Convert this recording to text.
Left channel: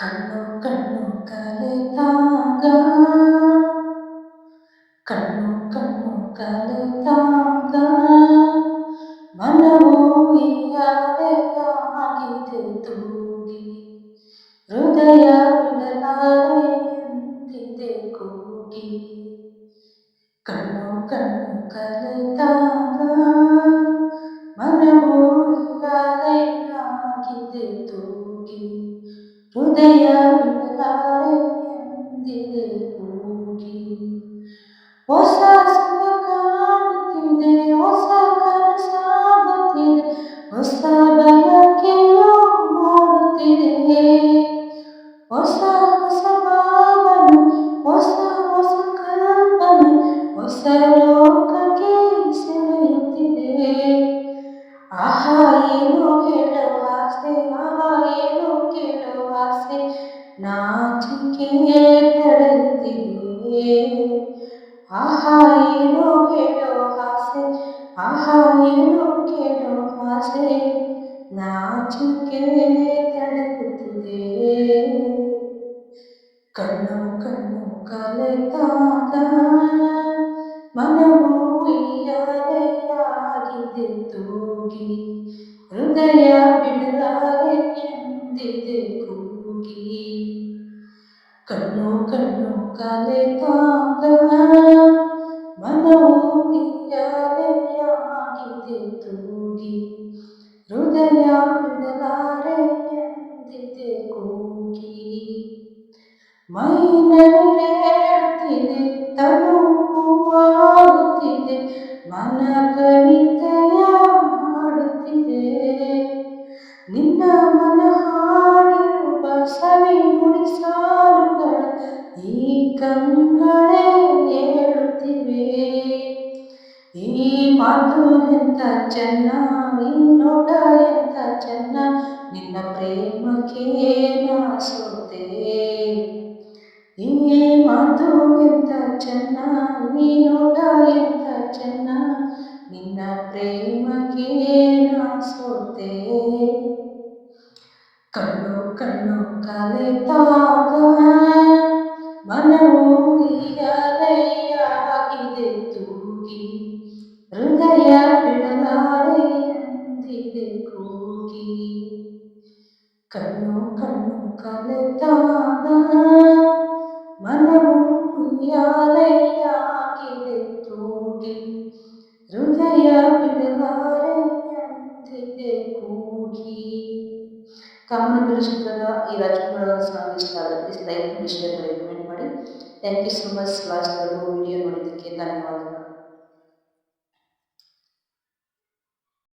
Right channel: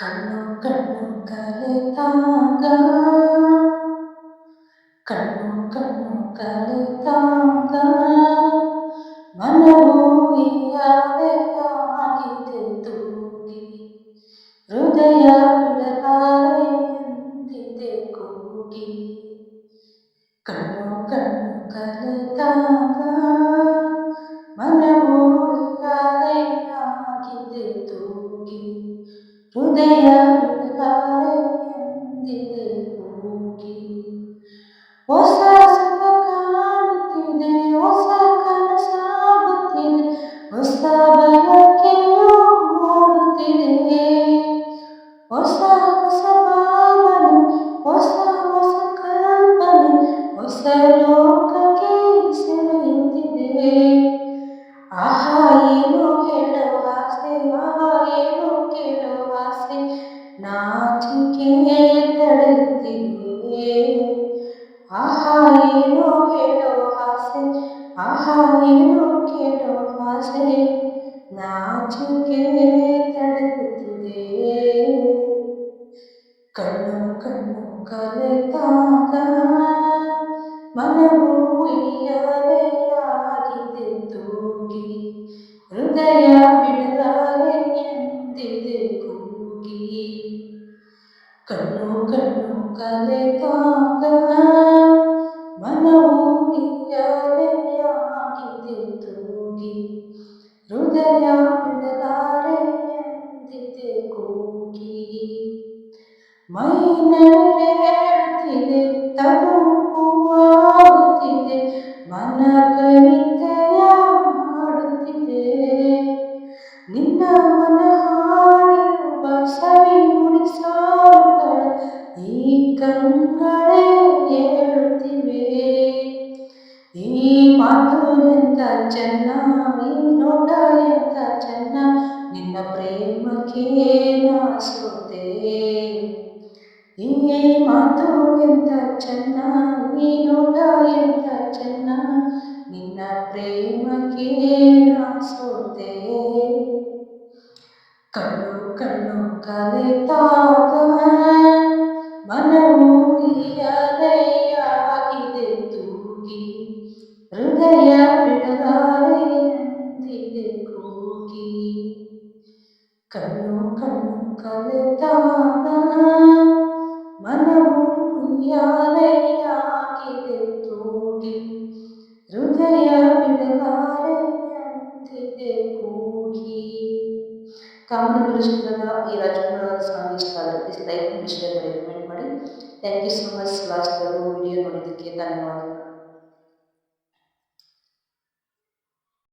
ಕಣ್ಣು ಕಣ್ಣು ಕಲೆತಾಗ ಕಣ್ಣು ಕಣ್ಣು ಕಲೆತಾಗ ಮನವು ಉಯ್ಯಾಲೆಯಾಗಿದೆ ತೂಗಿ ಹೃದಯ ಬಿಡಲಾರೆ ಎಂದಿದೆ ಕೂಗಿ ಕಣ್ಣು ಕಣ್ಣು ಕಲೆತಾಗ ಮನವು ಉಯ್ಯಾಲೆಯಾಗಿದೆ ತೂಗಿ ಹೃದಯ ಬಿಡಲಾರೆ ಎಂದಿದೆ ಕೂಗಿ ಹೊಸ ಸುಖ ಕಾಣುತ್ತಿದೆ, ಹೊಸ ಕನಸಾಗುತ್ತಿದೆ, ಹೊಸ ಬಯಕೆಯು ಮೂಡುತ್ತಿದೆ, ಹೊಸ ಹೊಸ ಭಾವನೆ, ಹೊಸ ಹೊಸ ಕಲ್ಪನೆ, ಹೊಸ ಲೋಕಕ್ಕೆ ಸೆಳೆಯುತ್ತಿದೆ. ಆಹಾ ಏನು ಹೇಳೋ ಆಸೆ, ಆಹಾ ಏನು ಕೇಳೋ ಆಸೆ, ನಾಚಿಕೆ ತಡೆಯುತ್ತಿದೆ. ಆಹಾ ಏನು ಹೇಳೋ ಆಸೆ, ಆಹಾ ಏನು ಕೇಳೋ ಆಸೆ, ನಾಚಿಕೆ ತಡೆಯುತ್ತಿದೆ. ಕಣ್ಣು ಕಣ್ಣು ಕಲೆತಾಗ ಮನವು ಉಯ್ಯಾಲೆಯಾಗಿದೆ ತೂಗಿ ಹೃದಯ ಬಿಡಲಾರೆ ಎಂದಿದೆ ಕೂಗಿ ಕಣ್ಣು ಕಣ್ಣು ಕಲೆತಾಗ ಮನವು ಉಯ್ಯಾಲೆಯಾಗಿದೆ ತೂಗಿ ಹೃದಯ ಬಿಡಲಾರೆ ಎಂದಿದೆ ಕೂಗಿ ಮೈ ನವಿರೇಳುತ್ತಿದೆ, ತನು ಹೂವಾಗುತ್ತಿದೆ, ಮನ ಕವಿತೆಯ ಹಾಡುತ್ತಿದೆ. ನಿನ್ನ ಮನ ಹಾಡಿರುವ ಸವಿ ನುಡಿ ಸಾಲುಗಳ ಈ ಕಂಗಳೇ ಹೇಳುತ್ತಿವೆ. ಈ ಮಾತು ಎಂತ ಚೆನ್ನ, ಈ ನೋಟ ಎಂತ ಚೆನ್ನ, ನಿನ್ನ ಪ್ರೇಮಕ್ಕೆ ನಾ ಸೋತೆ. ಈ ಮಾತು ಎಂತ ಚೆನ್ನ, ಈ ನೋಟ ಎಂತ ಚೆನ್ನ, ನಿನ್ನ ಪ್ರೇಮಕ್ಕೆ ನಾ ಸೋತೆ. ಕಣ್ಣು ಕಣ್ಣು ಕಲೆತಾಗ ಮನವು ಉಯ್ಯಾಲೆಯಾಗಿದೆ ತೂಗಿ ಹೃದಯ ಬಿಡಲಾರೆ ಎಂದಿದೆ ಕೂಗಿ ಕಣ್ಣು ಕಣ್ಣು ಕಲೆತಾಗ ಮನವು ಉಯ್ಯಾಲೆಯಾಗಿದೆ ತೂಗಿ ಹೃದಯ ಬಿಡಲಾರೆ ಎಂದಿದೆ ಕೂಗಿ. ಕಾಮನಬಿಲ್ಲು ಚಿತ್ರದ ಈ ರಾಜ್ಕುಮಾರ್ ಅವರ ಸಾಂಗ್ ಇಷ್ಟ ಆದರೆ ಪ್ಲೀಸ್ ಲೈಕ್ ಮಾಡಿ, ಶೇರ್ ಮಾಡಿ, ಕಮೆಂಟ್ ಮಾಡಿ. Thank you so much. ಲಾಸ್ಟ್ವರೆಗೂ ವಿಡಿಯೋ ನೋಡಿದ್ದಕ್ಕೆ ಧನ್ಯವಾದಗಳು.